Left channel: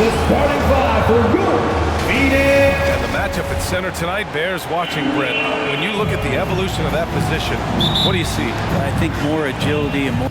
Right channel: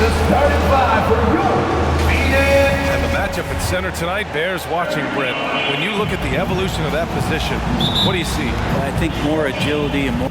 the starting five for your meeting. And the matchup at center tonight bears watching, Brent. When you look at the evolution of that position, what do you see? Well, I think more agility and more.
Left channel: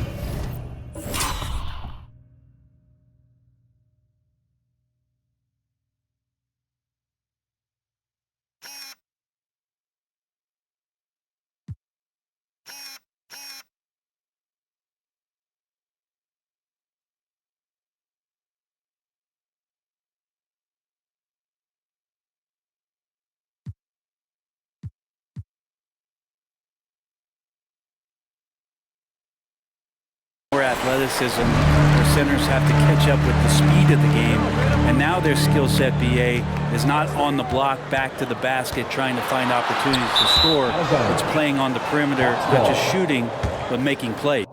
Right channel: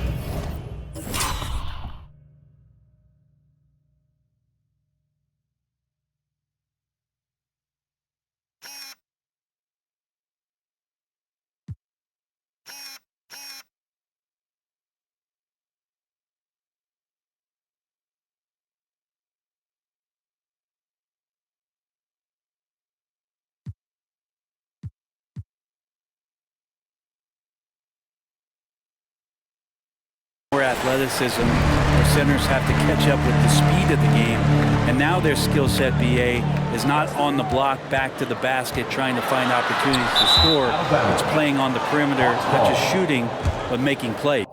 More athleticism, where centers have to catch up with the speed of the game, and now their skill set, BA, is not on the block back to the basket trying to find opportunities to score. It's playing on the perimeter, not just shooting, but making plays.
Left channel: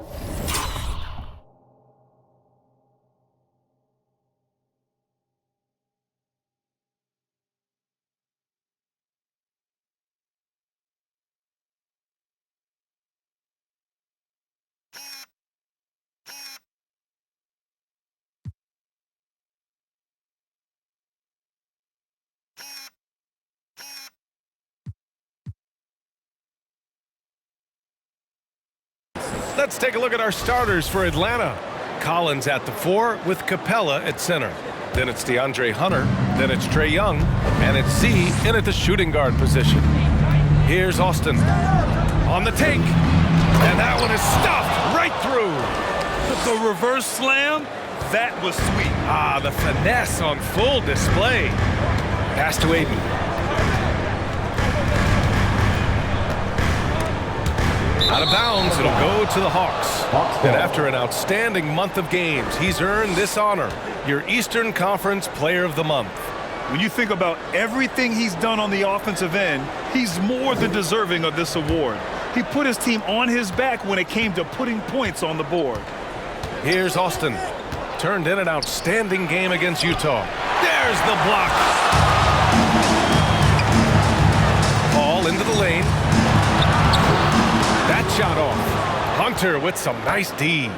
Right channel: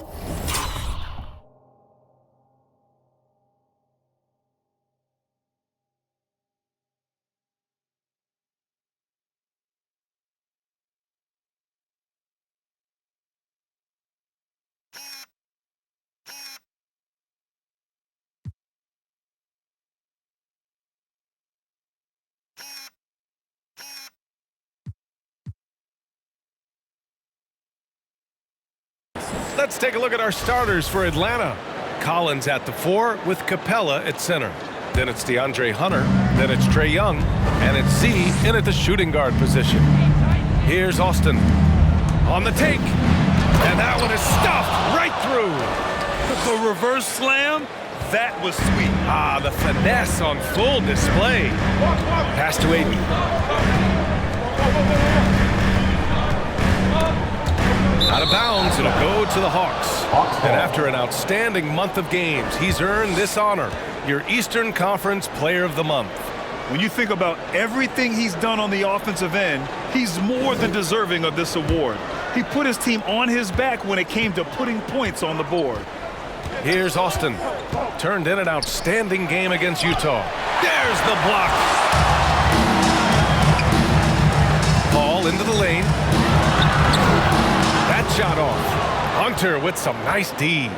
Let's take a look at our starters for Atlanta. Collins at the 4 with Capella at center. Then it's DeAndre Hunter. Then it's Trae Young. And it's Z in at the shooting guard position. Here's Austin on the take. And that one is stuffed right through. The reverse slam, that was sweet. Ah, the finesse on full display. Pass to Aiden. Out of bounds, it'll go to the Hawks. And after an outstanding month of games, he's earned this honor, your Eastern Conference Player of the Month. When you think about everything he's done on the offensive end, he's more than deserving of this award. He put his team on his back when it came to putting points on the board. Here's Austin. Turned in an outstanding game against Utah. There's the block. Ball into the lane. That shot off. Hunter with some nice D.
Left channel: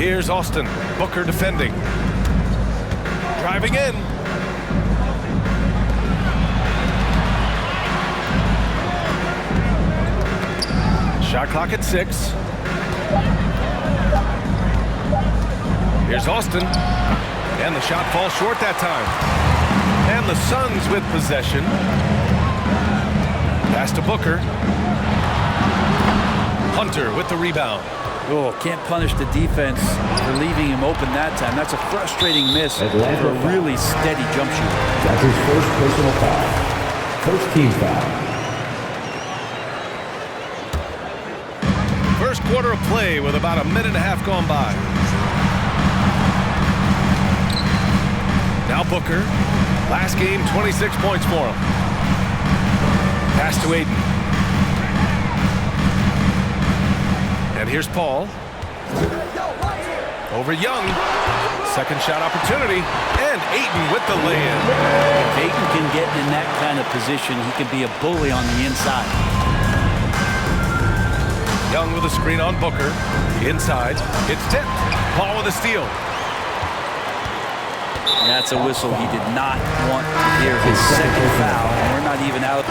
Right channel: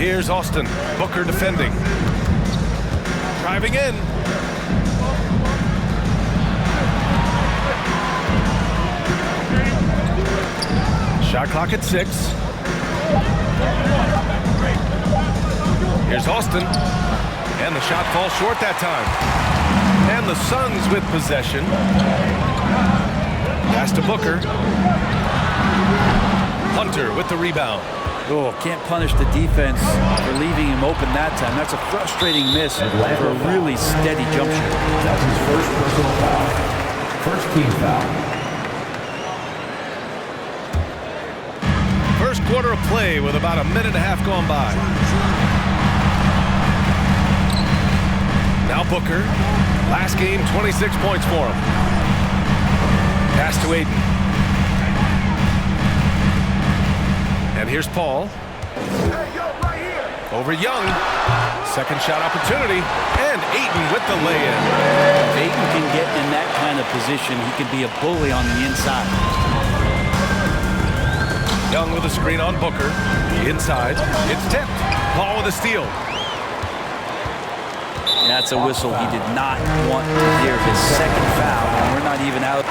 Here's Austin. Booker defending. Driving in. Shot clock at 6. Here's Austin. And the shot falls short that time. And the Suns with possession. Pass to Booker. Hunter with the rebound. Oh, can't punish the defense for leaving him open that time. That's a frustrating miss for a really steady jump shooter. That's his first personal foul. First team foul. First quarter of play with about a minute and a half gone by. Now Booker. Last game, 26 points for him. Pass to Aiden. And here's Paul. Over Young. Second shot opportunity. And Ayton with the lay-in. If Ayton can get in that kind of position, he can be a bully on the inside. Young with a screen on Booker. Inside. It's tipped. Paul with a steal. That's a whistle. He did not want to hear his second foul, and we're not even out.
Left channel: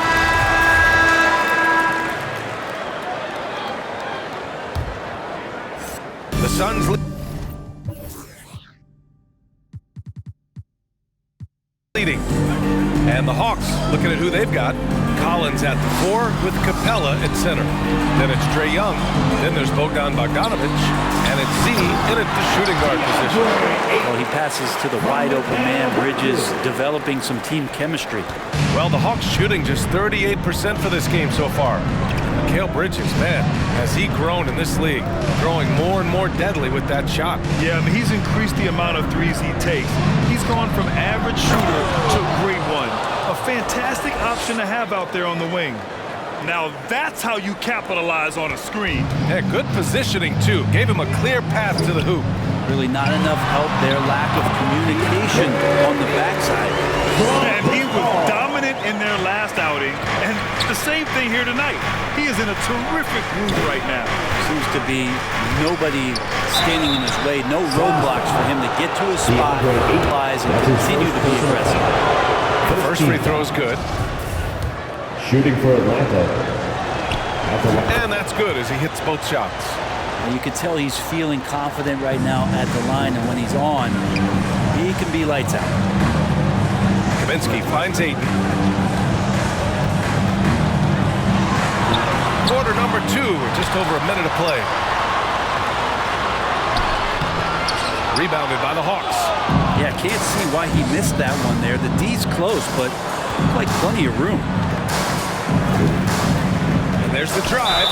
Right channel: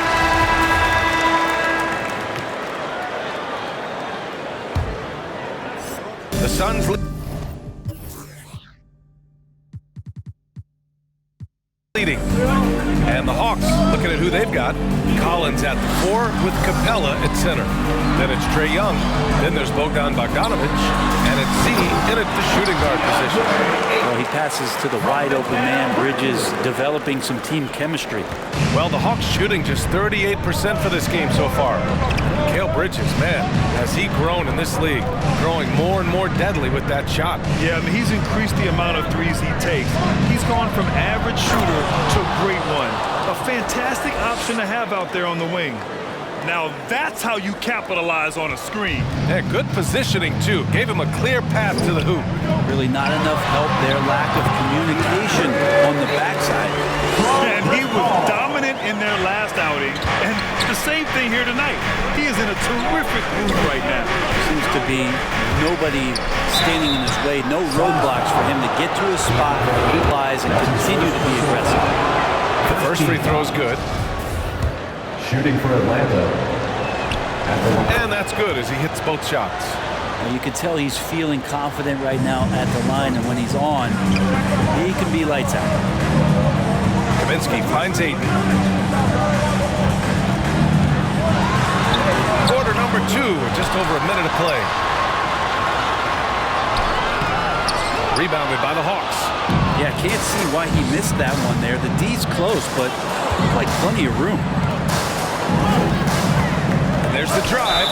The Suns leading. And the Hawks looking at who they've got. Collins at the 4 with Capella at center. Then it's Trae Young. Then there's Bogdan Bogdanovic. And it's Z in at the shooting guard position. Well, he passes to the wide open man. Bridges developing some team chemistry. Well, the Hawks shooting just 38% for this game so far. Mikal Bridges, man, has he grown in this league, growing more and more deadly with that shot. Yeah, I mean, he's increased the amount of threes he takes. He's gone from average shooter to a great one. A fantastic option to have out there on the wing. Now that's how you capitalize on a screen. Yeah, good positioning, too. Gave him a clear path to the hoop. Really not enough help there. Lack of communication on the backside. And he was dominant in their last outing. And the same thing here tonight. He is in a terrific groove right now. seems to be nobody standing in his way, no roadblocks for him to get to his spot, realize, and continue to be aggressive. The first free throw is good. Shooting for Atlanta. At the line. And that's good as he hits both shots. Now you can tell he's feeling confident right now at the line, and when he's on, he can be lights out. Kaminsky finds Ayton. Quarter number 2 with just over a minute to play. Rebounded by the Hawks. Yeah, can't see why he missed that one there. The D's close, but like plenty of room. And there's the drive.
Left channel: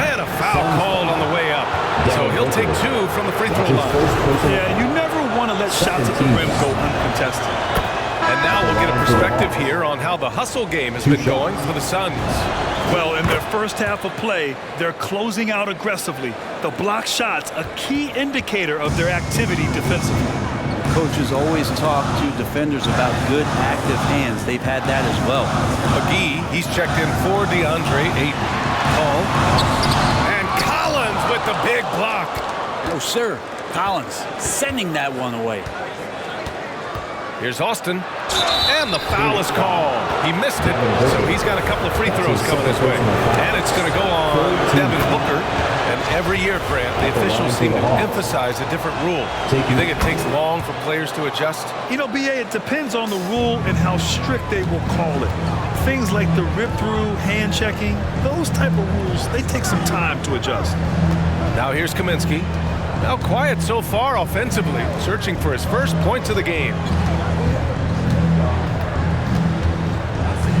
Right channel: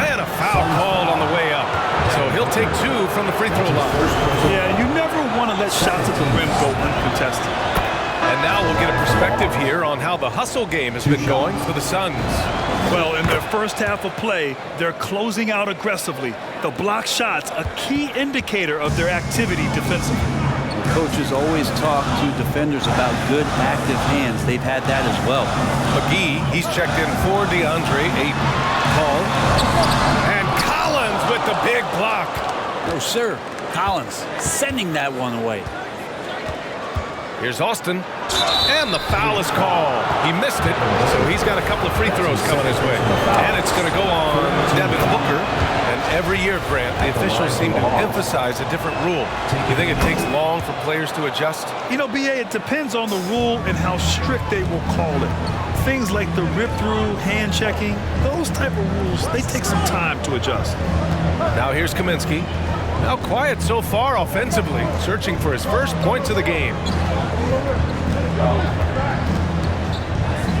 And a foul called on the way up. So he'll take 2 from the free throw line. Yeah, you never want to let shots at the rim go uncontested. And now we'll get a perspective here on how the hustle game has been going for the Suns. Well, in their first half of play, they're closing out aggressively. The block shots, a key indicator of their activity defensively. The coaches always talk to defenders about good active hands. They've had that as well. McGee, he's checked in for DeAndre Ayton. Paul. And Collins with the big block. No, sir. Collins sending that one away. Here's Austin. And the foul is called. He missed it, so he's got a couple of free throws coming his way. And it's going to go on Devin Booker. And every year, Grant, the officials seem to emphasize a different rule. You think it takes long for players to adjust? You know, B.A., it depends on the rule and how strict they will call it. Things like the rip-through, hand-checking, those type of rules, they take some time to adjust. Now here's Kaminsky. Now quiet so far offensively, searching for his first points of the game.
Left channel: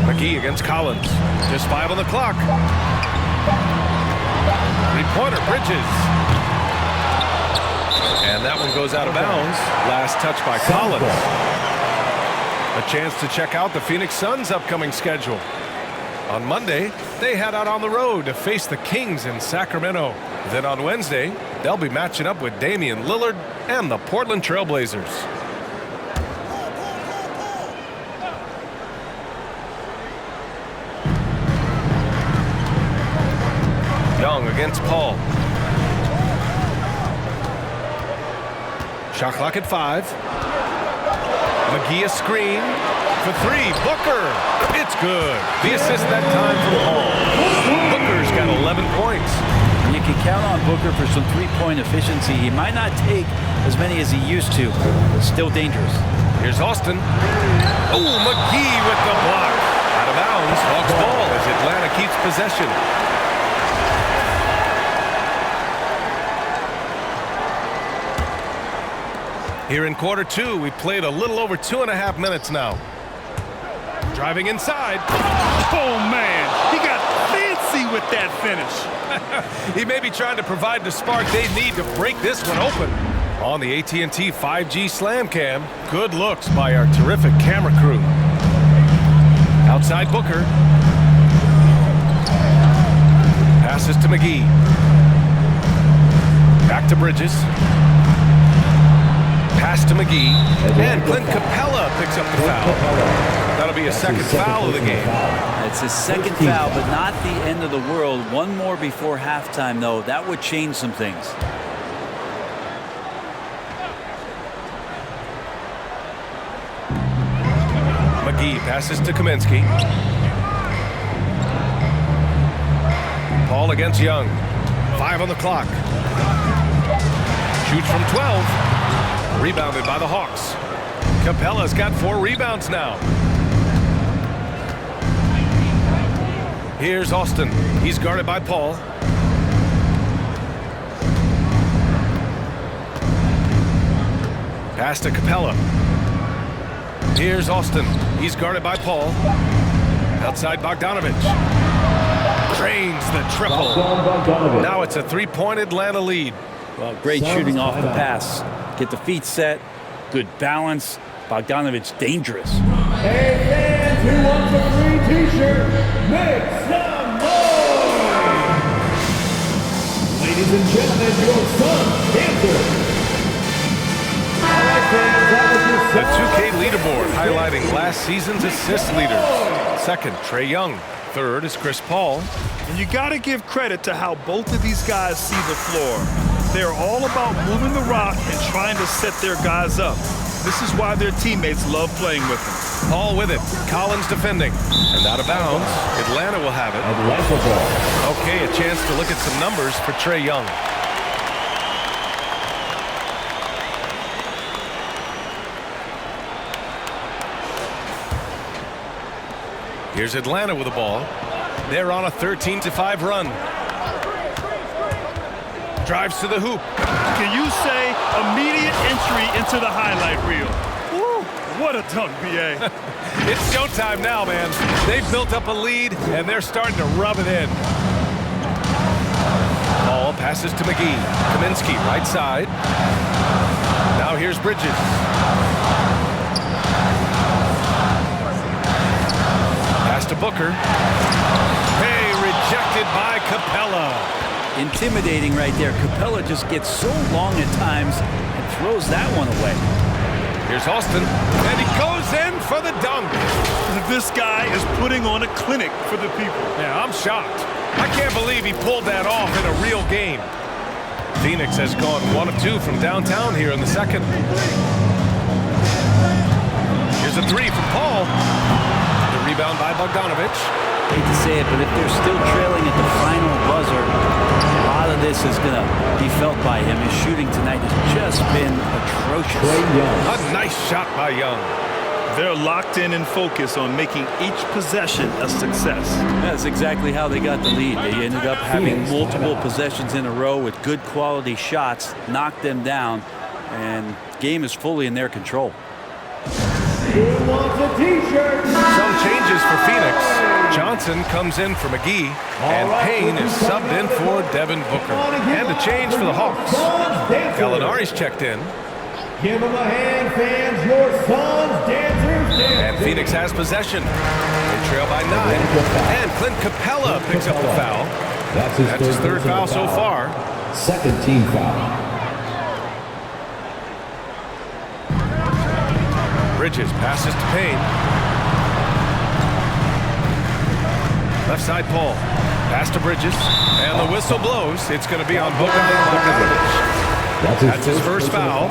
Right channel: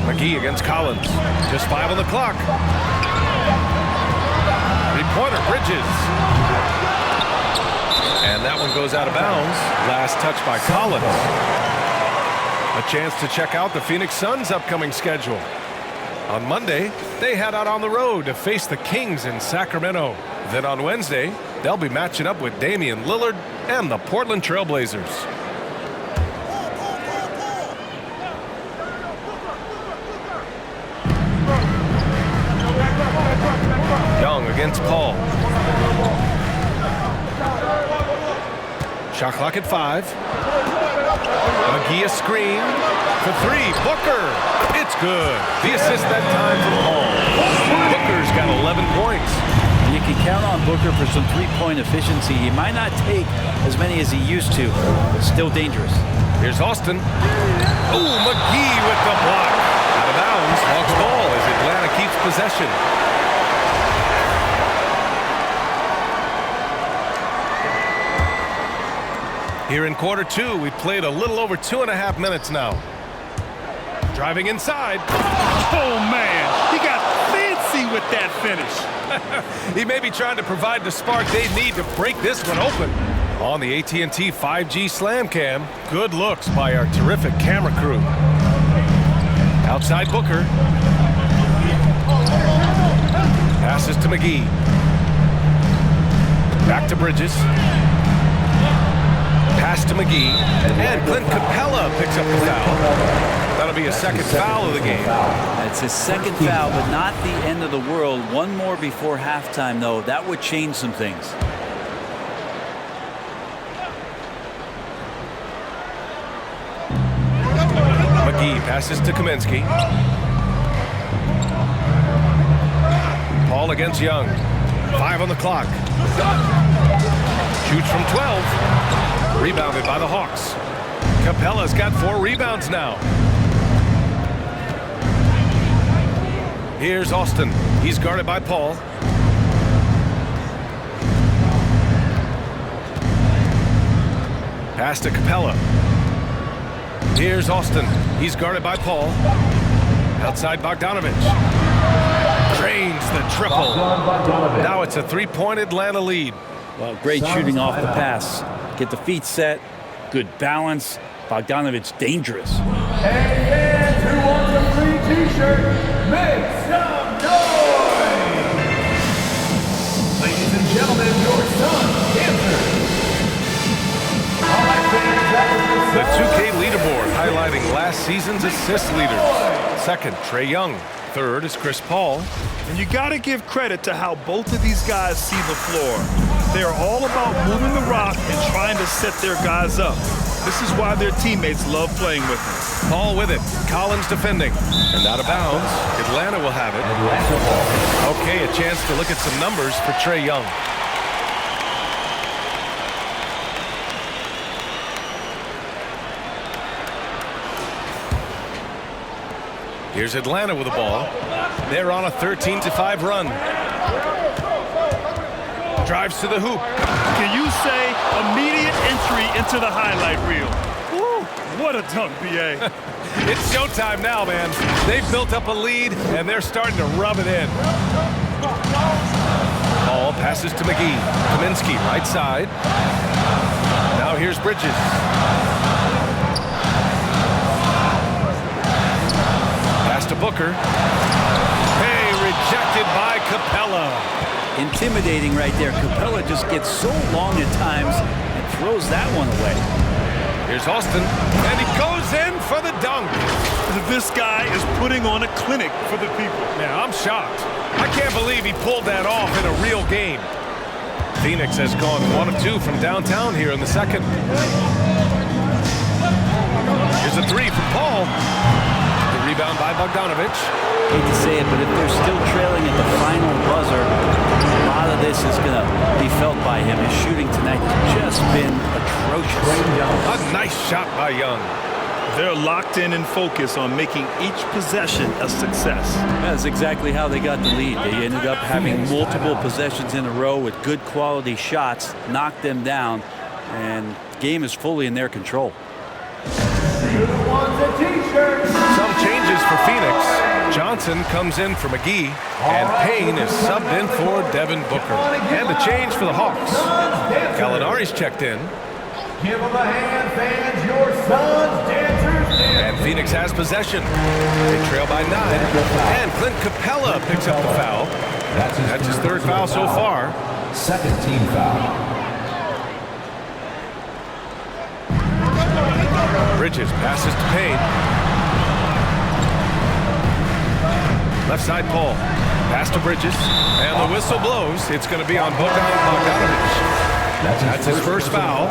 McGee against Collins. Just 5 on the clock. Three-pointer, Bridges. And that one goes out of bounds. Last touch by Collins. A chance to check out the Phoenix Suns' upcoming schedule. On Monday, they head out on the road to face the Kings in Sacramento. Then on Wednesday, they'll be matching up with Damian Lillard and the Portland Trail Blazers. Young against Paul. Shot clock at 5. McGee a screen for 3. Booker. It's good. The assist that time from Paul. Booker's got 11 points. You can count on Booker for some three-point efficiency. He might not take as many as he used to, but still dangerous. Here's Austin. Oh, McGee with the block. Out of bounds. Hawks ball as Atlanta keeps possession. Here in quarter 2, we played a little over 2.5 minutes now. Driving inside. Oh, man, he got fancy with that finish. He may be trying to provide the spark they need to break this one open. On the AT&T 5G Slam Cam, good looks by our terrific camera crew. Outside Booker. Passes to McGee. Back to Bridges. Pass to McGee. And Clint Capella picks up the foul. That'll be a second foul of the game. It's his second foul, but not the end of the world. One more before halftime, though. That would change some things. McGee passes to Kaminsky. Paul against Young. 5 on the clock. Shoots from 12. Rebounded by the Hawks. Capella's got 4 rebounds now. Here's Austin. He's guarded by Paul. Pass to Capella. Here's Austin. He's guarded by Paul. Outside Bogdanovich. Drains the triple. Now it's a 3-point Atlanta lead. Well, great shooting off the pass. Get the feet set. Good balance. Bogdanovich dangerous. Hey fans who wants a free t-shirt, make some noise! Ladies and gentlemen, your Suns dancer. All right, fans, that was your The 2K leaderboard highlighting last season's assist leaders. Second, Trae Young. third is Chris Paul. And you got to give credit to how both of these guys see the floor. They're all about moving the rock and trying to set their guys up. This is why their teammates love playing with them. Paul with it. Collins defending. And out of bounds. Atlanta will have it. Atlanta ball. Okay, a chance to look at some numbers for Trae Young. Here's Atlanta with the ball. They're on a 13-5 run. Drives to the hoop. Can you say immediate entry into the highlight reel? Woo, what a dunk, B.A. It's showtime now, man. They've built up a lead, and they're starting to rub it in. Ball passes to McGee. Kaminsky, right side. Now here's Bridges. Pass to Booker. Hey, rejected by Capella. Intimidating right there. Capella just gets so long at times and throws that one away. Here's Austin, and he goes in for the dunk. This guy is putting on a clinic for the people. Yeah, I'm shocked. I can't believe he pulled that off in a real game. Phoenix has gone 1 of 2 from downtown here in the second. Here's a three from Paul. The rebound by Bogdanovich. Hate to say it, but if they're still trailing at the final buzzer, a lot of this is going to be felt by him. His shooting tonight has just been atrocious. A nice shot by Young. They're locked in and focused on making each possession a success. That's exactly how they got the lead. They ended up having multiple possessions in a row with good quality shots, knocked them down, and the game is fully in their control. Some changes for Phoenix. Johnson comes in for McGee, and Payne is subbed in for Devin Booker. And a change for the Hawks. Gallinari's checked in. Give them a hand, fans. Your sons, dancers, dancers. And Phoenix has possession. They trail by 9. And Clint Capella picks up the foul. That's his third foul so far. Second team foul. Bridges passes to Payne. Left side Paul. Pass to Bridges. And the whistle blows. It's going to be on Bogdanovich. That's his first foul.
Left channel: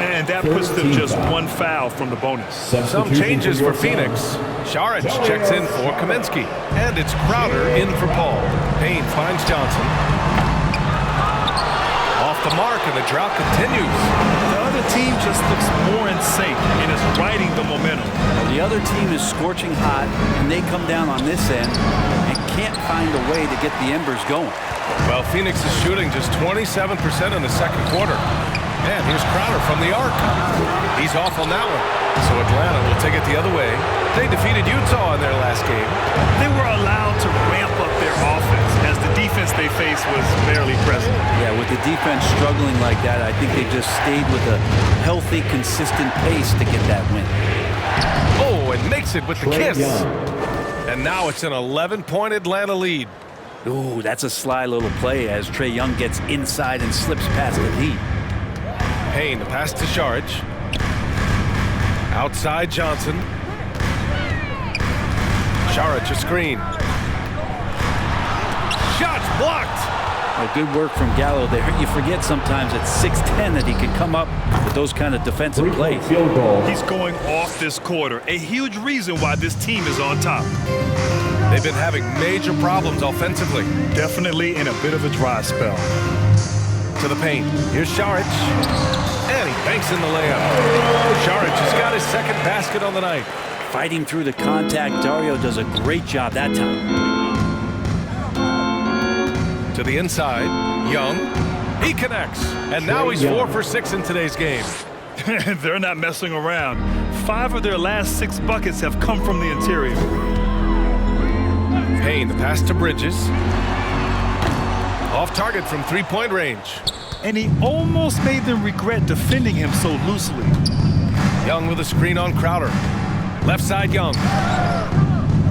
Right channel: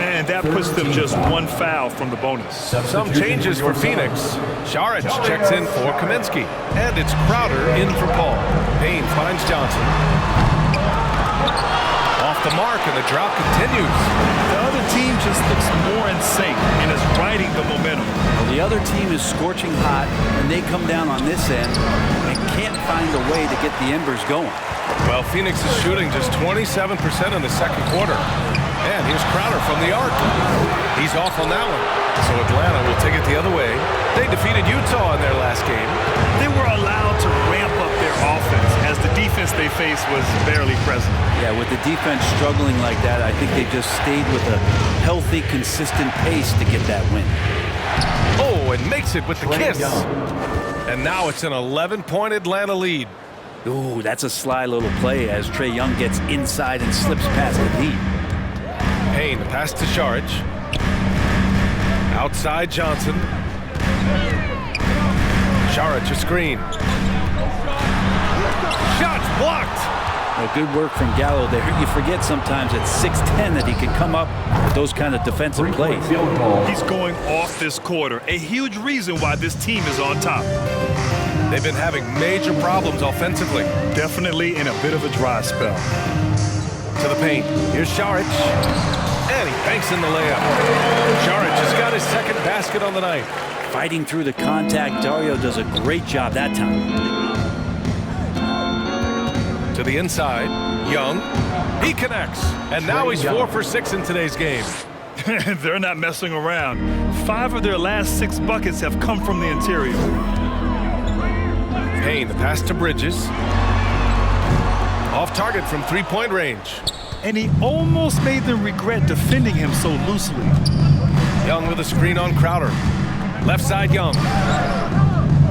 And that puts them just one foul from the bonus. Some changes for Phoenix. Saric checks in for Kaminsky. And it's Crowder in for Paul. Payne finds Johnson. Off the mark, and the drought continues. The other team just looks more in sync and is riding the momentum. Well, the other team is scorching hot, and they come down on this end and can't find a way to get the embers going. Well, Phoenix is shooting just 27% in the second quarter. And here's Crowder from the arc. He's off on that one. So Atlanta will take it the other way. They defeated Utah in their last game. They were allowed to ramp up their offense as the defense they faced was barely present. Yeah, with the defense struggling like that, I think they just stayed with a healthy, consistent pace to get that win. Oh, and makes it with the kiss. And now it's an 11-point Atlanta lead. Ooh, that's a sly little play as Trae Young gets inside and slips past the D. Payne, the pass to Saric. Outside Johnson. Saric, a screen. Shots blocked. Well, good work from Gallo there. You forget sometimes at 6'10" that he can come up with those kind of defensive plays. He's going off this quarter. A huge reason why this team is on top. They've been having major problems offensively. Definitely in a bit of a dry spell. To the paint. Here's Saric. And he banks in the layup. Saric has got his second basket on the night. Fighting through the contact, Dario does a great job that time. To the inside, Young. He connects. And now he's 4 for 6 in today's game. They're not messing around. 5 of their last 6 buckets have come from the interior. Payne, the pass to Bridges. Off target from three-point range. And he almost made them regret defending him so loosely. Young with a screen on Crowder. Left side Young.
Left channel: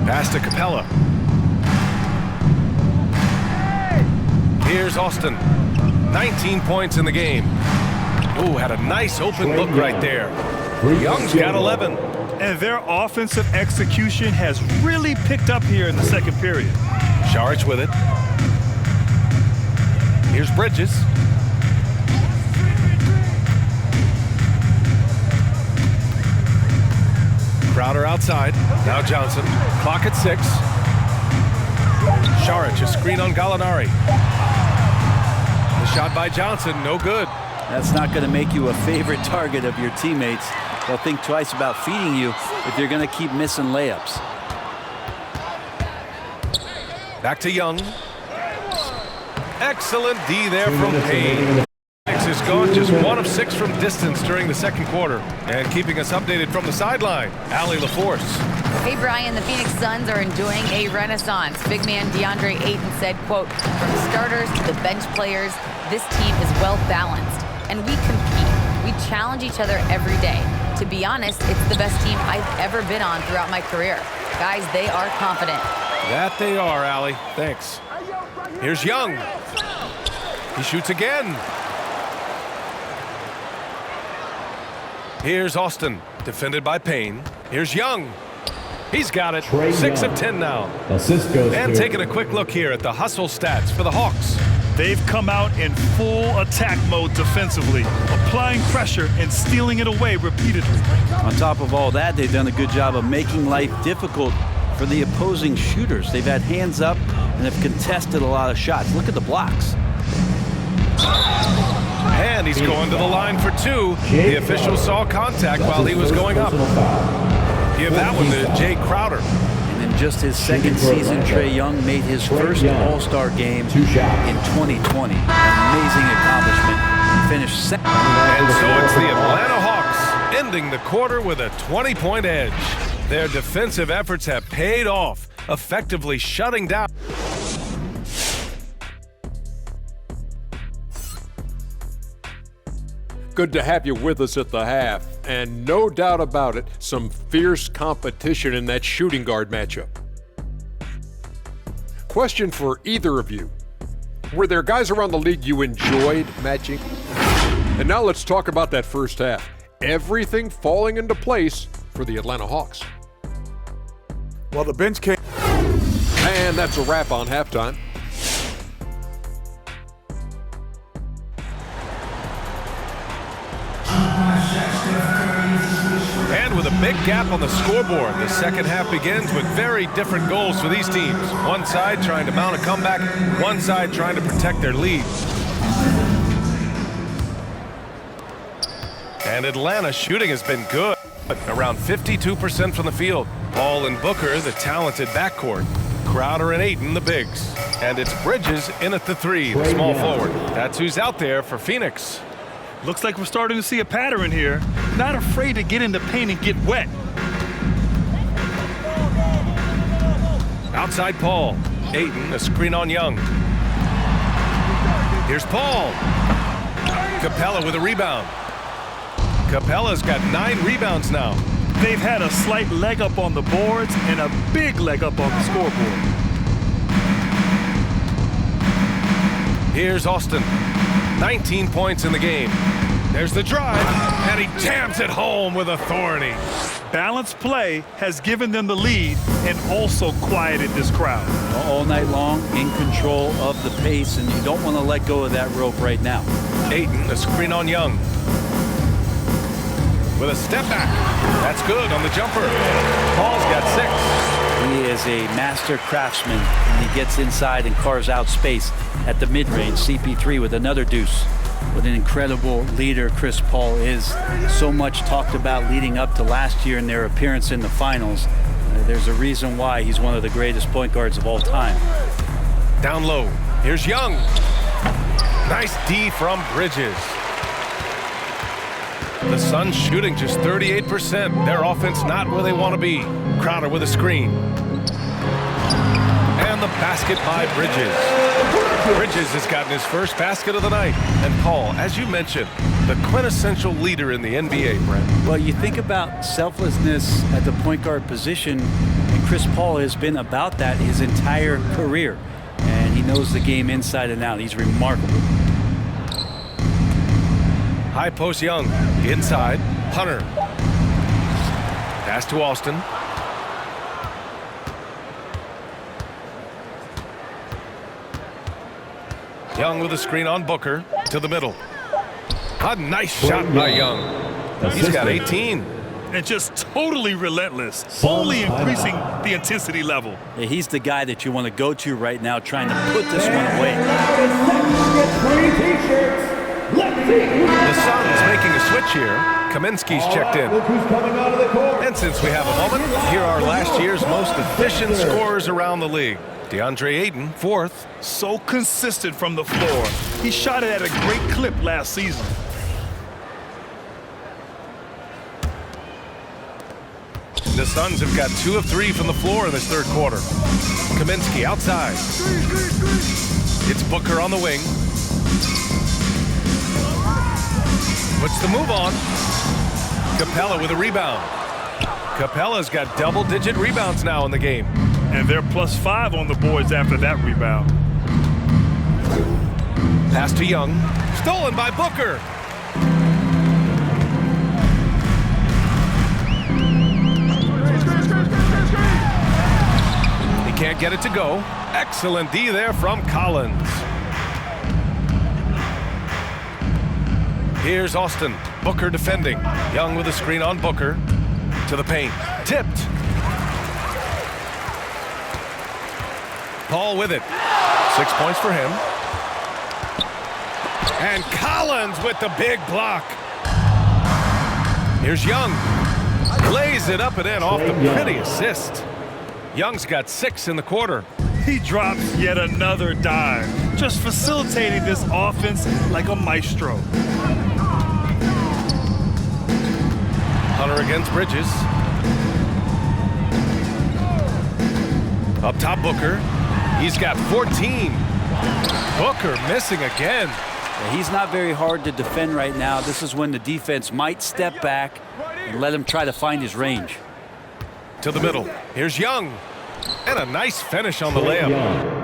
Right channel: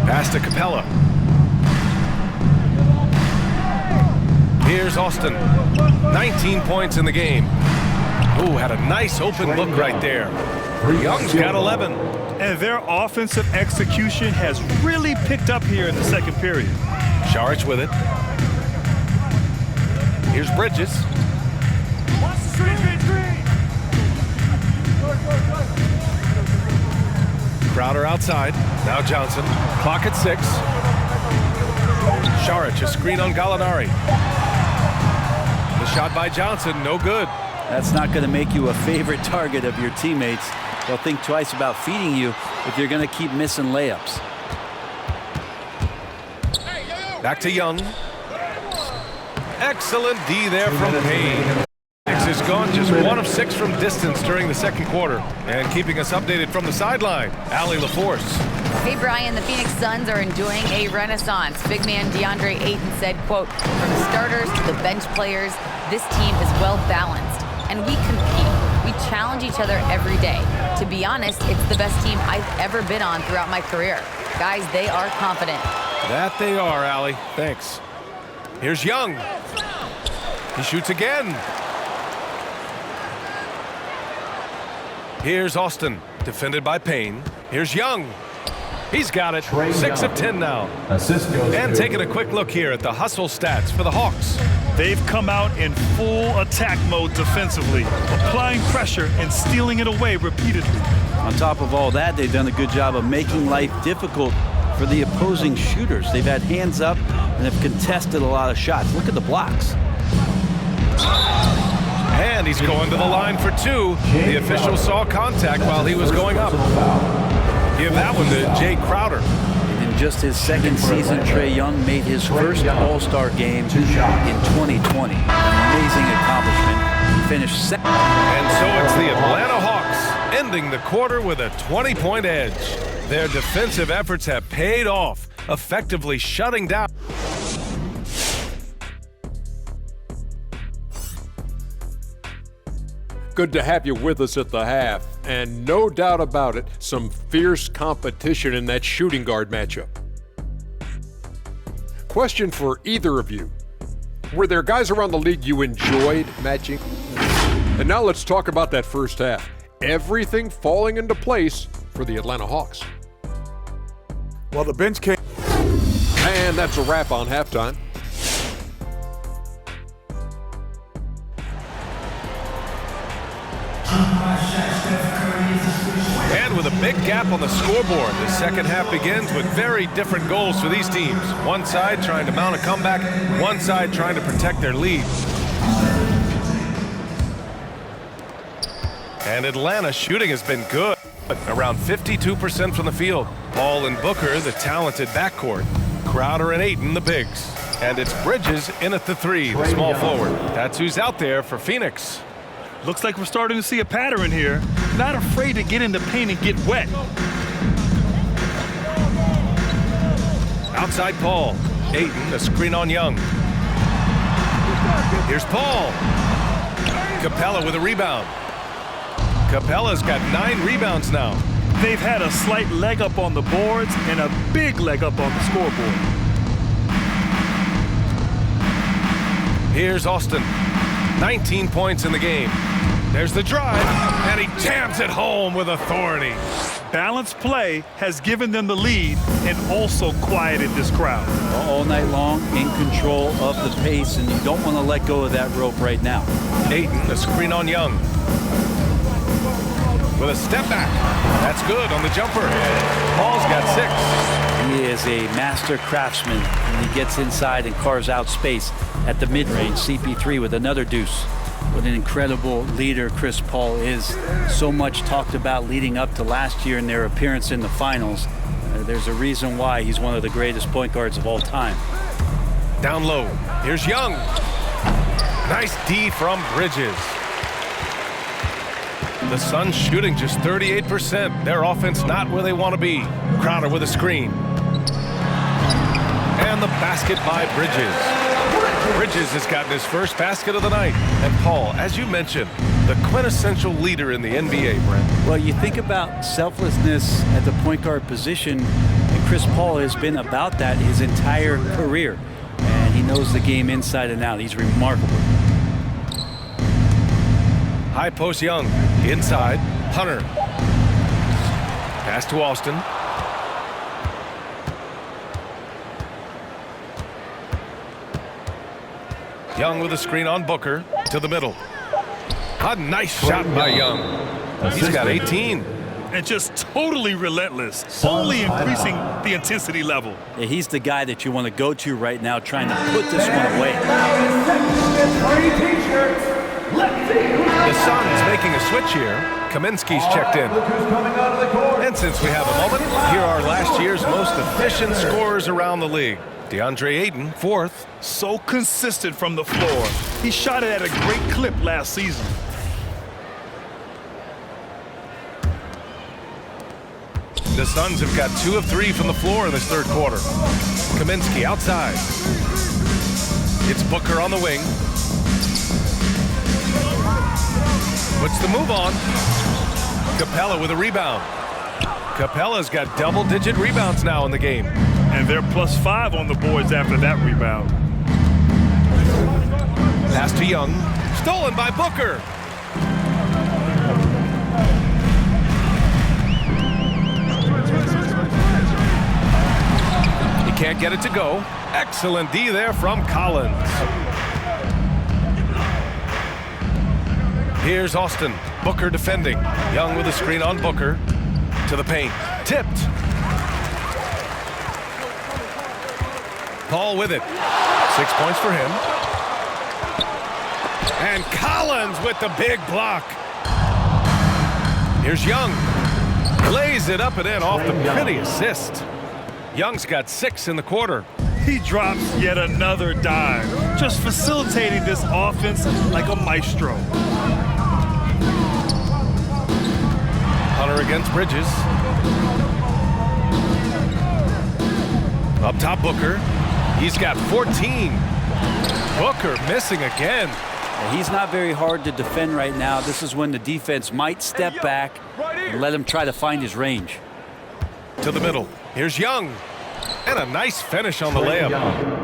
Pass to Capella. Here's Austin. 19 points in the game. Ooh, had a nice open look right there. Young's got 11. And their offensive execution has really picked up here in the second period. Saric with it. Here's Bridges. Crowder outside. Now Johnson. Clock at 6. Saric, a screen on Gallinari. The shot by Johnson, no good. That's not going to make you a favorite target of your teammates. They'll think twice about feeding you if you're going to keep missing layups. Back to Young. Excellent D there from Payne. Phoenix has gone just 1 of 6 from distance during the second quarter. And keeping us updated from the sideline, Allie LaForce. Hey, Brian, the Phoenix Suns are enjoying a renaissance. Big man DeAndre Ayton said, quote, "From starters to the bench players, this team is well balanced. And we compete. We challenge each other every day. To be honest, it's the best team I've ever been on throughout my career. Guys, they are confident." That they are, Allie. Thanks. Here's Young. He shoots again. Here's Austin, defended by Payne. Here's Young. He's got it. 6 of 10 now. Assist goes And to- taking a quick look here at the hustle stats for the Hawks. They've come out in full attack mode defensively, applying pressure and stealing it away repeatedly. On top of all that, they've done a good job of making life difficult for the opposing shooters. They've had hands up and have contested a lot of shots. Look at the blocks. And he's going to the line for 2. The official saw contact while he was going up. Give that one to Jay Crowder. And in just his second season, Trae Young made his first All-Star game in 2020. An amazing accomplishment. He finished second. And so it's the Atlanta Hawks ending the quarter with a 20-point edge. Their defensive efforts have paid off, effectively shutting down. Good to have you with us at the half, and no doubt about it, some fierce competition in that shooting guard matchup. Question for either of you. Were there guys around the league you enjoyed matching? And now let's talk about that first half. Everything falling into place for the Atlanta Hawks. Well, the bench came. And that's a wrap on halftime. And with a big gap on the scoreboard, the second half begins with very different goals for these teams. One side trying to mount a comeback, one side trying to protect their lead. And Atlanta shooting has been good, around 52% from the field. Paul and Booker, the talented backcourt. Crowder and Ayton, the bigs. And it's Bridges in at the 3, the small forward. That's who's out there for Phoenix. Looks like we're starting to see a pattern here. Not afraid to get in the paint and get wet. Outside Paul. Ayton, a screen on Young. Here's Paul. Capella with a rebound. Capella's got 9 rebounds now. They've had a slight leg up on the boards and a big leg up on the scoreboard. Here's Austin. 19 points in the game. There's the drive, and he jams it home with authority. Balanced play has given them the lead and also quieted this crowd. All night long, in control of the pace, and you don't want to let go of that rope right now. Ayton, a screen on Young. With a step back. That's good on the jumper. Paul's got 6. He is a master craftsman when he gets inside and carves out space at the mid-range. CP3 with another deuce. What an incredible leader Chris Paul is. So much talked about leading up to last year in their appearance in the finals. There's a reason why he's one of the greatest point guards of all time. Down low. Here's Young. Nice D from Bridges. The Suns shooting just 38%. Their offense not where they want to be. Crowder with a screen. And the basket by Bridges. Bridges has gotten his first basket of the night. And Paul, as you mentioned, the quintessential leader in the NBA, Brent. Well, you think about selflessness at the point guard position, and Chris Paul has been about that his entire career. And he knows the game inside and out. He's remarkable. High post Young. Inside. Hunter. Pass to Austin. Young with a screen on Booker to the middle. A nice shot by Young. He's got 18. And just totally relentless, only increasing the intensity level. Yeah, he's the guy that you want to go to right now, trying to put this one away. The Suns making a switch here. Kaminsky's checked in. And since we have a moment, here are last year's most efficient scorers around the league. DeAndre Ayton, 4th. So consistent from the floor. He shot it at a great clip last season. The Suns have got 2 of 3 from the floor in this third quarter. Kaminsky outside. It's Booker on the wing. Puts the move on. Capella with a rebound. Capella's got double-digit rebounds now in the game. And they're +5 on the boards after that rebound. Pass to Young. Stolen by Booker. He can't get it to go. Excellent D there from Collins. Here's Austin. Booker defending. Young with a screen on Booker. To the paint. Tipped. Paul with it. 6 points for him. And Collins with the big block. Here's Young. Lays it up and in off the pretty assist. Young's got 6 in the quarter. He drops yet another dime, just facilitating this offense like a maestro. Hunter against Bridges. Up top, Booker. He's got 14. Booker missing again. Yeah, he's not very hard to defend right now. This is when the defense might step back and let him try to find his range. To the middle. Here's Young. And a nice finish on the layup.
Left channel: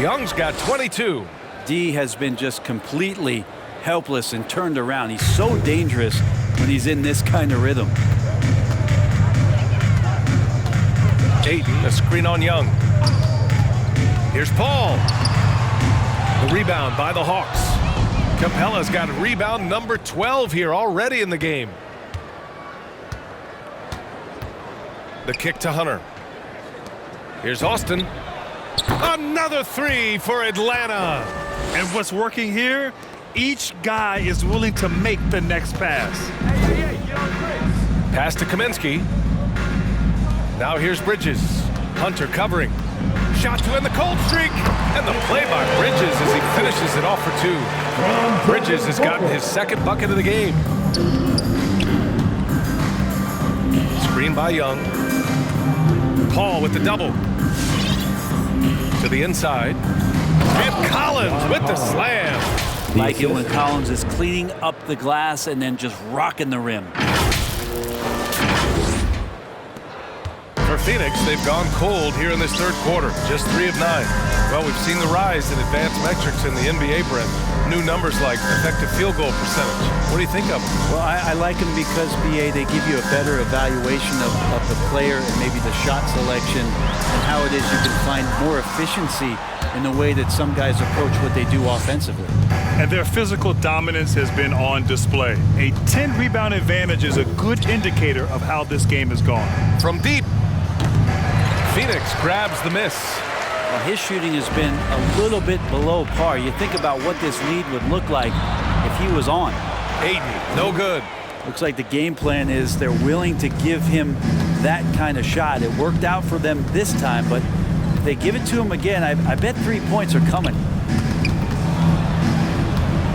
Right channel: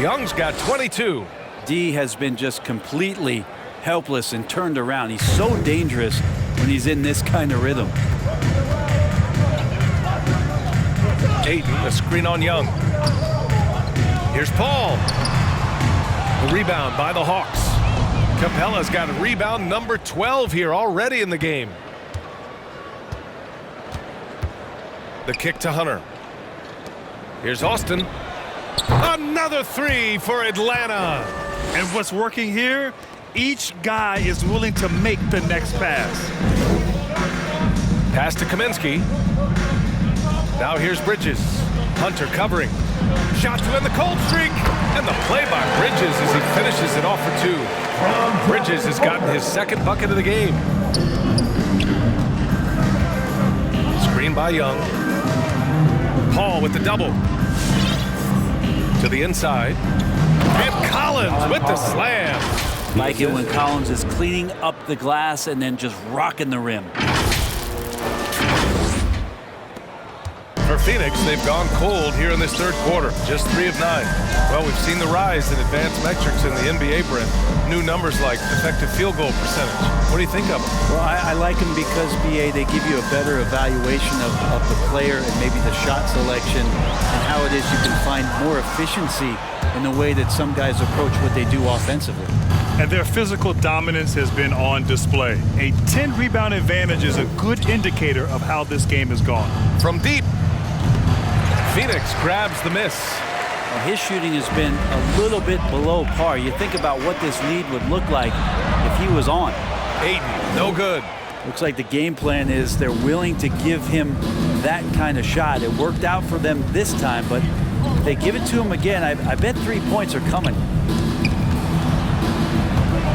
Young's got 22. D has been just completely helpless and turned around. He's so dangerous when he's in this kind of rhythm. Ayton, a screen on Young. Here's Paul. The rebound by the Hawks. Capella's got rebound number 12 here already in the game. The kick to Hunter. Here's Austin. Another 3 for Atlanta. And what's working here? Each guy is willing to make the next pass. Pass to Kaminsky. Now here's Bridges. Hunter covering. Shot to end the cold streak. And the play by Bridges as he finishes it off for 2. Bridges has gotten his 2nd bucket of the game. Screen by Young. Paul with the double. To the inside. And Collins with the slam. Like it when Collins is cleaning up the glass and then just rocking the rim. For Phoenix, they've gone cold here in this third quarter. Just 3 of 9. Well, we've seen the rise in advanced metrics in the NBA, Brent. New numbers like effective field goal percentage. What do you think of them? Well, I like them because, BA, they give you a better evaluation of the player and maybe the shot selection and how it is you can find more efficiency in the way that some guys approach what they do offensively. And their physical dominance has been on display. A 10-rebound advantage is a good indicator of how this game has gone. From deep, Phoenix grabs the miss. Well, his shooting has been a little bit below par. You think about what this lead would look like if he was on. Ayton, no good. Looks like the game plan is they're willing to give him that kind of shot. It worked out for them this time, but if they give it to him again, I bet 3 points are coming.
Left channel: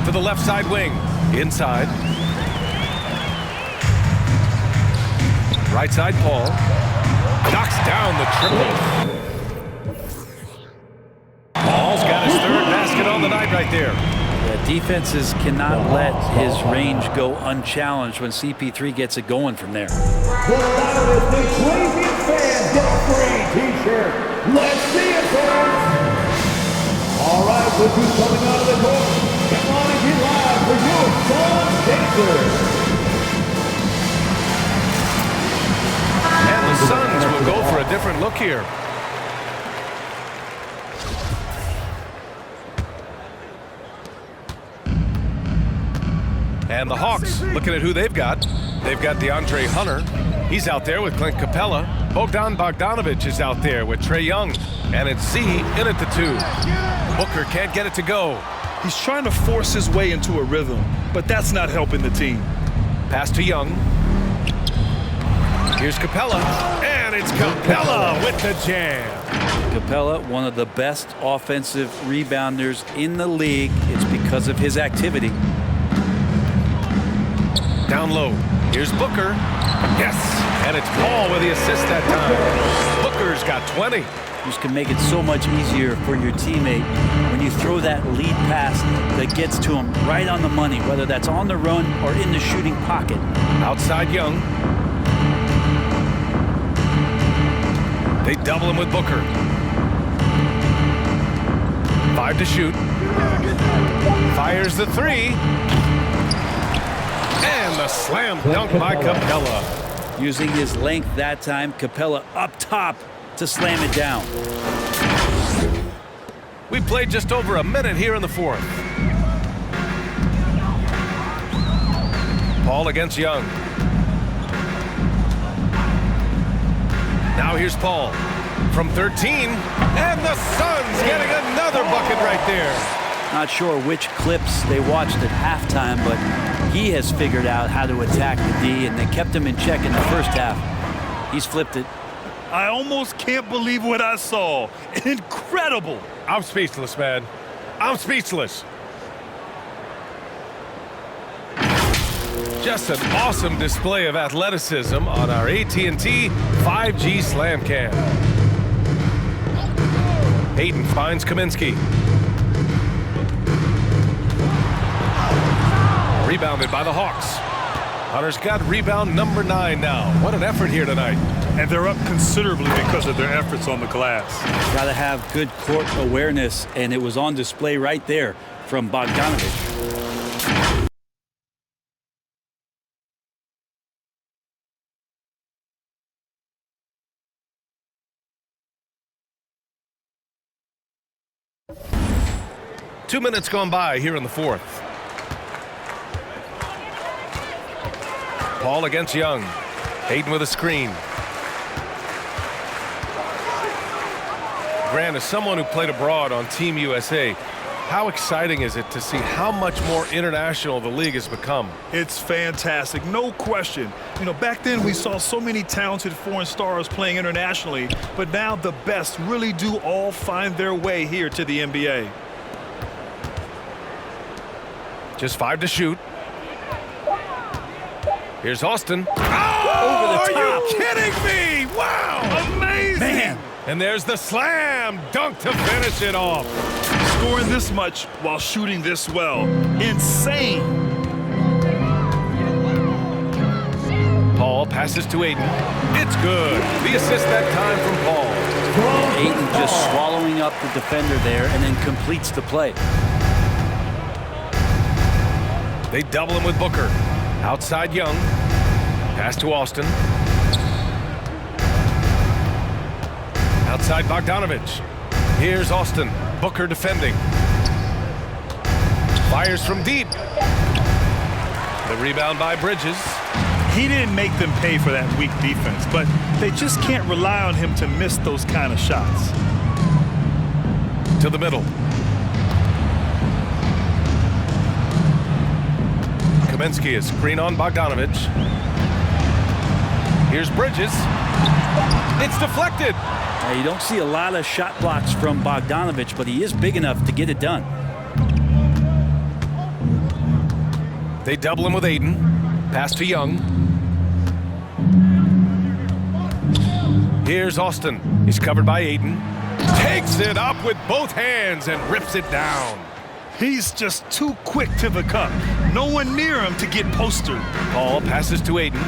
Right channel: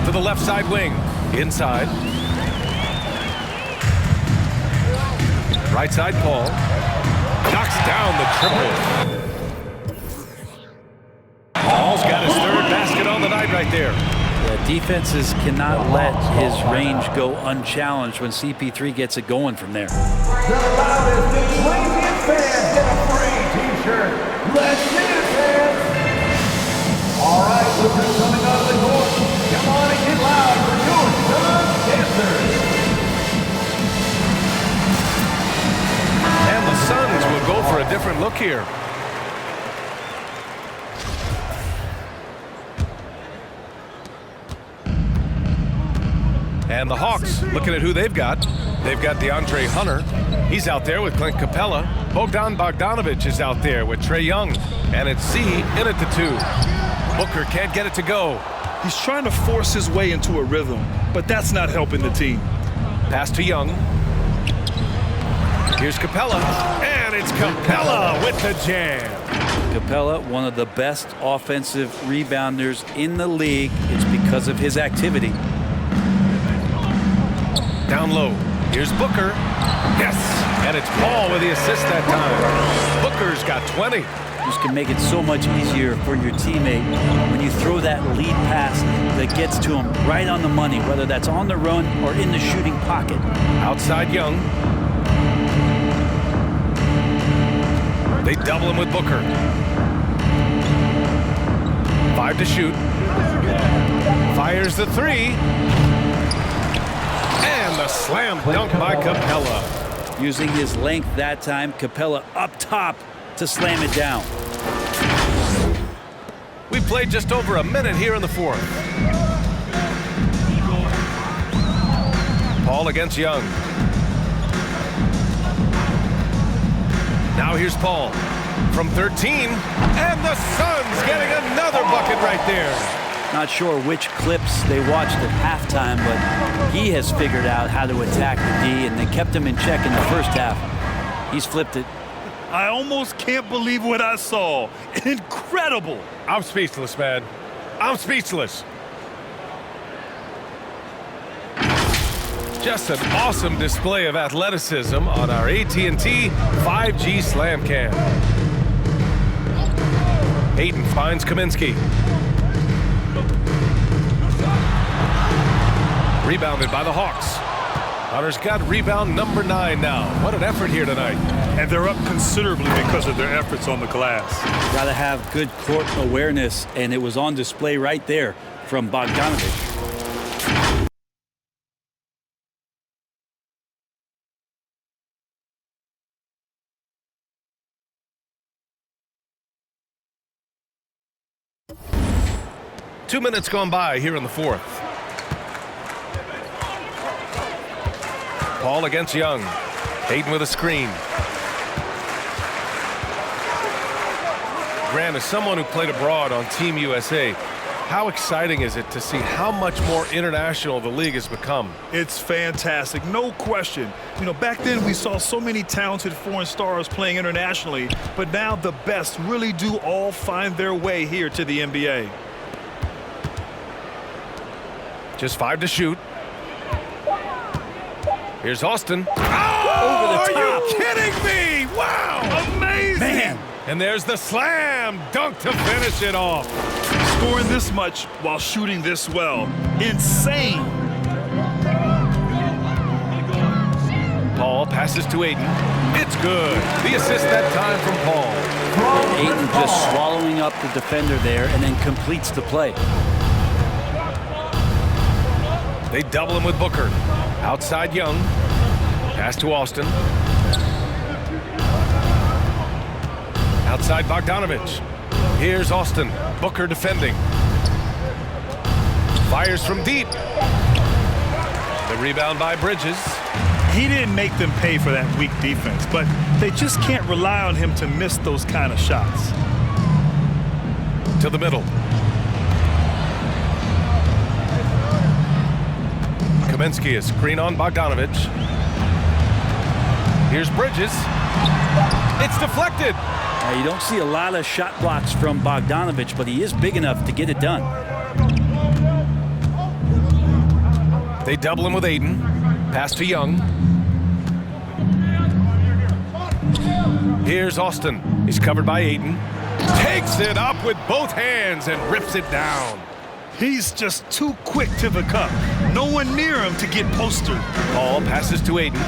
To the left side wing. Inside. Right side, Paul. Knocks down the triple. Paul's got his 3rd basket on the night right there. Yeah, defenses cannot let his range go unchallenged when CP3 gets it going from there. The loudest and craziest fans get a free t-shirt. Let's see it, fans. All right, Look who's coming onto the court. Come on and get loud for your Suns dancers. And the Suns will go for a different look here. And the Hawks, looking at who they've got. They've got DeAndre Hunter. He's out there with Clint Capella. Bogdan Bogdanovic is out there with Trae Young. And it's Z in at the 2. Booker can't get it to go. He's trying to force his way into a rhythm, but that's not helping the team. Pass to Young. Here's Capella. And it's Capella with the jam. Capella, one of the best offensive rebounders in the league. It's because of his activity. Down low. Here's Booker. Yes. And it's Paul with the assist that time. Booker's got 20. Just can make it so much easier for your teammate when you throw that lead pass that gets to him right on the money, whether that's on the run or in the shooting pocket. Outside Young. They double him with Booker. 5 to shoot. Fires the 3. And the slam dunk by Capella. Using his length that time, Capella up top to slam it down. We played just over a minute here in the 4th. Paul against Young. Now here's Paul from 13. And the Suns getting another bucket right there. Not sure which clips they watched at halftime, but he has figured out how to attack the D, and they kept him in check in the first half. He's flipped it. I almost can't believe what I saw. Incredible. I'm speechless, man. I'm speechless. Just an awesome display of athleticism on our AT&T 5G Slam Cam. Ayton finds Kaminsky. Rebounded by the Hawks. Hunter's got rebound number 9 now. What an effort here tonight. And they're up considerably because of their efforts on the glass. Got to have good court awareness, and it was on display right there from Bogdanovic. Two minutes gone by here in the 4th. Paul against Young. Hayden with a screen. Grant, as someone who played abroad on Team USA, how exciting is it to see how much more international the league has become? It's fantastic, no question. You know, back then we saw so many talented foreign stars playing internationally, but now the best really do all find their way here to the NBA. Just 5 to shoot. Here's Austin. Over the top. Are you kidding me? Wow! Amazing! Man. And there's the slam dunk to finish it off. Scoring this much while shooting this well. Insane! Paul passes to Ayton. It's good. The assist that time from Paul. Ayton just swallowing up the defender there and then completes the play. They double him with Booker. Outside Young. Pass to Austin. Outside Bogdanovic. Here's Austin. Booker defending. Fires from deep. The rebound by Bridges. He didn't make them pay for that weak defense, but they just can't rely on him to miss those kind of shots. To the middle. Kaminsky is screen on Bogdanovic. Here's Bridges. It's deflected. Now, you don't see a lot of shot blocks from Bogdanovic, but he is big enough to get it done. They double him with Ayton. Pass to Young. Here's Austin. He's covered by Ayton. Takes it up with both hands and rips it down. He's just too quick to the cup. No one near him to get postered. Paul passes to Ayton.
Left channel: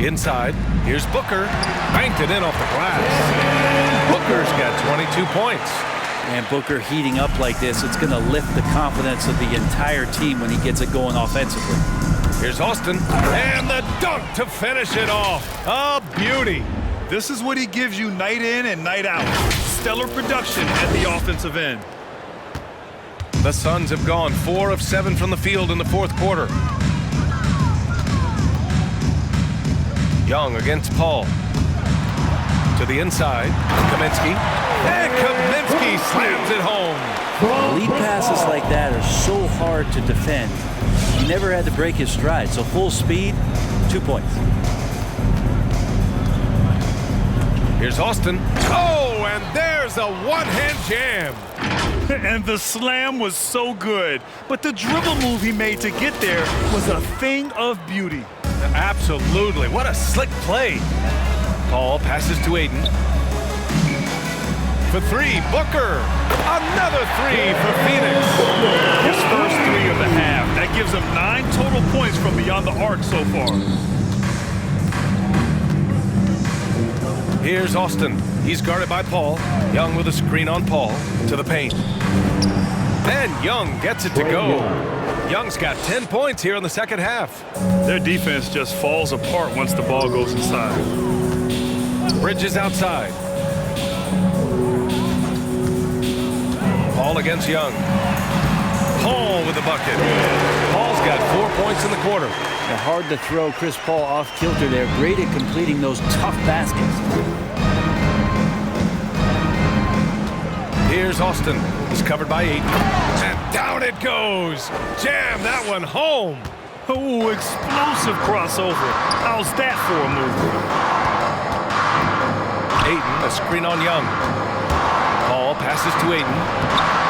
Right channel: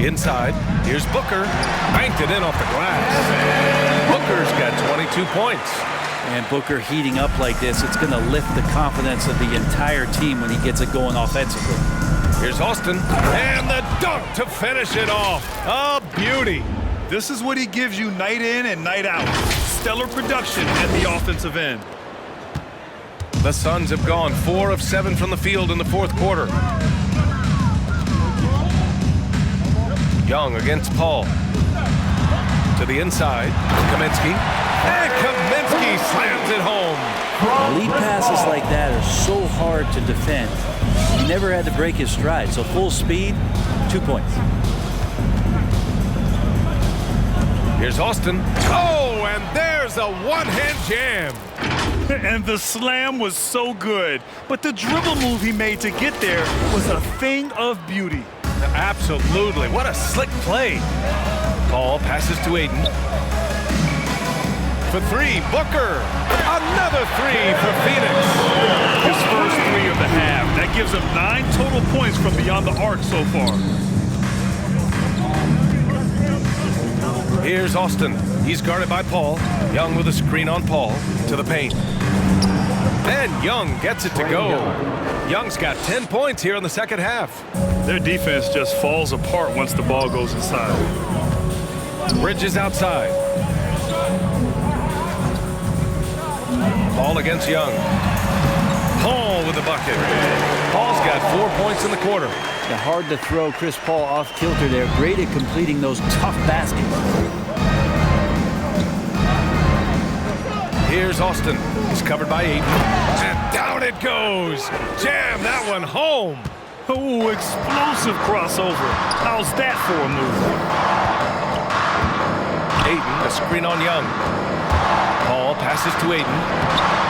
Inside, here's Booker. Banked it in off the glass. Booker's got 22 points. And Booker heating up like this, it's going to lift the confidence of the entire team when he gets it going offensively. Here's Austin, and the dunk to finish it off. A beauty. This is what he gives you night in and night out. Stellar production at the offensive end. The Suns have gone 4 of 7 from the field in the fourth quarter. Young against Paul. To the inside, Kaminsky. And Kaminsky slams it home. Lead passes like that are so hard to defend. He never had to break his stride, so full speed, 2 points. Here's Austin. Oh, and there's a one-hand jam. And the slam was so good. But the dribble move he made to get there was a thing of beauty. Absolutely. What a slick play. Paul passes to Aiden. For 3, Booker. Another 3 for Phoenix. His first 3 of the half. That gives him 9 total points from beyond the arc so far. Here's Austin. He's guarded by Paul. Young with a screen on Paul. To the paint. And Young gets it to go. Young's got 10 points here in the second half. Their defense just falls apart once the ball goes inside. Bridges outside. Paul against Young. Paul with the bucket. Paul's got 4 points in the quarter. Yeah, hard to throw Chris Paul off kilter there. Great at completing those tough baskets. Here's Austin. He's covered by Aiden. And down it goes. Jam that one home. Oh, explosive crossover. How's that for a move? Aiden, a screen on Young. Paul passes to Aiden.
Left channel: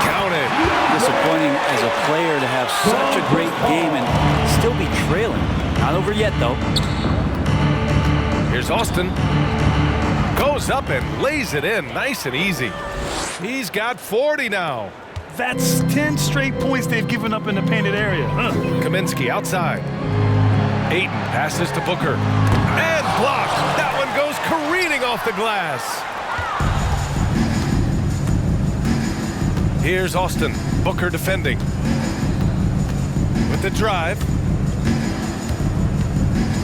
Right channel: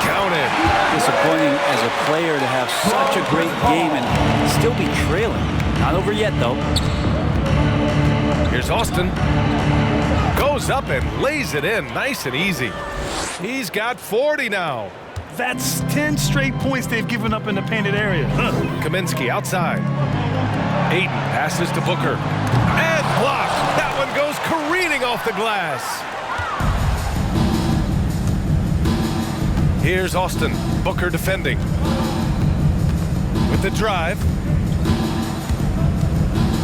Counted. Disappointing as a player to have such a great game and still be trailing. Not over yet, though. Here's Austin. Goes up and lays it in nice and easy. He's got 40 now. That's 10 straight points they've given up in the painted area. Kaminsky outside. Aiden passes to Booker. And blocked. That one goes careening off the glass. Here's Austin. Booker defending. With the drive.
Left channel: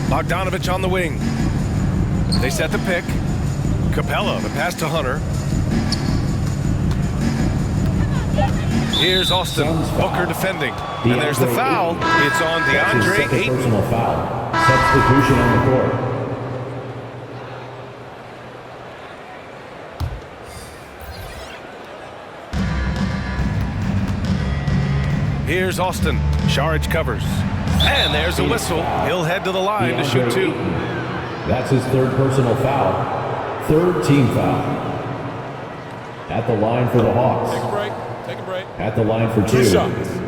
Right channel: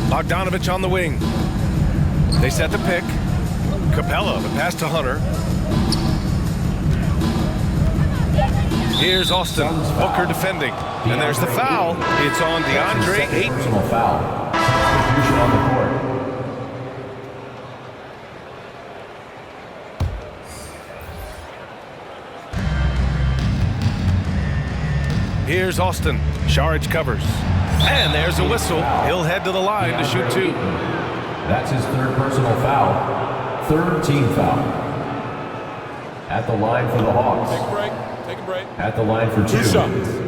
Bogdanovich on the wing. They set the pick. Capella, the pass to Hunter. Here's Austin. Booker defending. And there's the foul. It's on DeAndre Ayton. Personal foul. Substitution on the court. Here's Austin. Sharage covers. And there's a whistle. He'll head to the line to shoot 2. That's his 3rd personal foul. 3rd team foul. At the line for the Hawks. Take a break. Take a break. At the line for 2. 2 shots.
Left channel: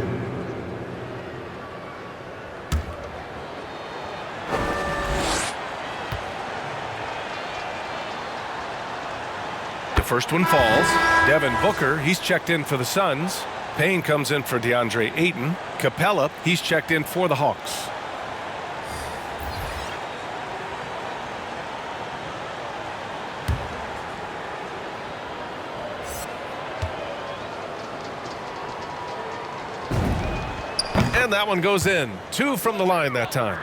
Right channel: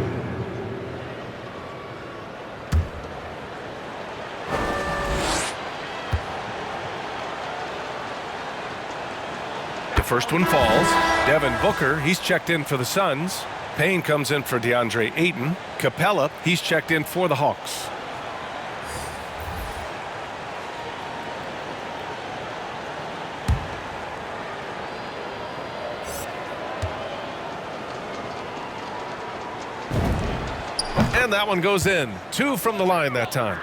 The first one falls. Devin Booker, he's checked in for the Suns. Payne comes in for DeAndre Ayton. Capella, he's checked in for the Hawks. And that one goes in. 2 from the line that time.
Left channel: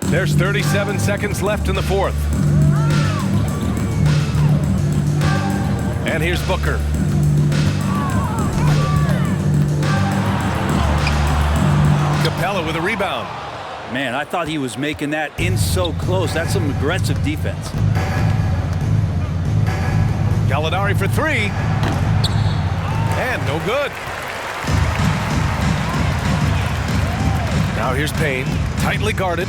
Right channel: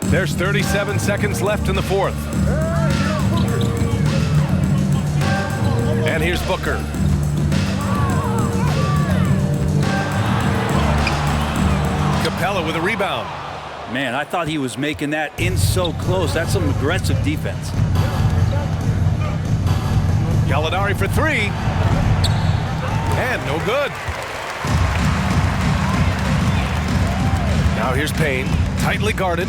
There's 37 seconds left in the fourth. And here's Booker. Capella with a rebound. Man, I thought he was making that in so close. That's some aggressive defense. Gallinari for 3. And no good. Now here's Payne, tightly guarded.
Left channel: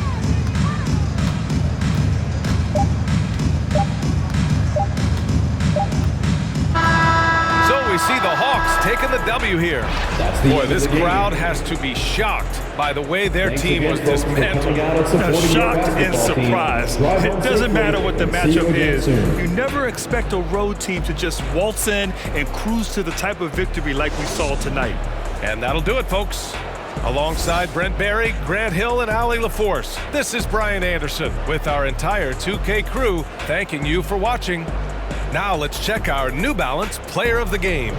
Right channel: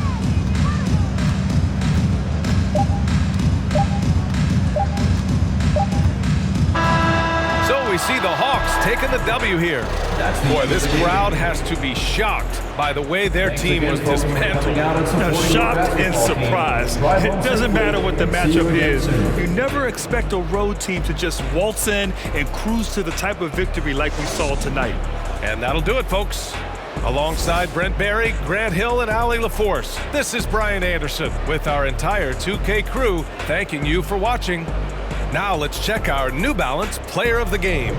So we see the Hawks taking the W here. Boy, this crowd has to be shocked by the way their team was dismantled. Shocked and surprised. It doesn't matter what the matchup is. You never expect a road team to just waltz in and cruise to the type of victory like we saw tonight. And that'll do it, folks. Alongside Brent Barry, Grant Hill, and Allie LaForce, this is Brian Anderson with our entire 2K crew thanking you for watching. Now let's check our New Balance Player of the Game.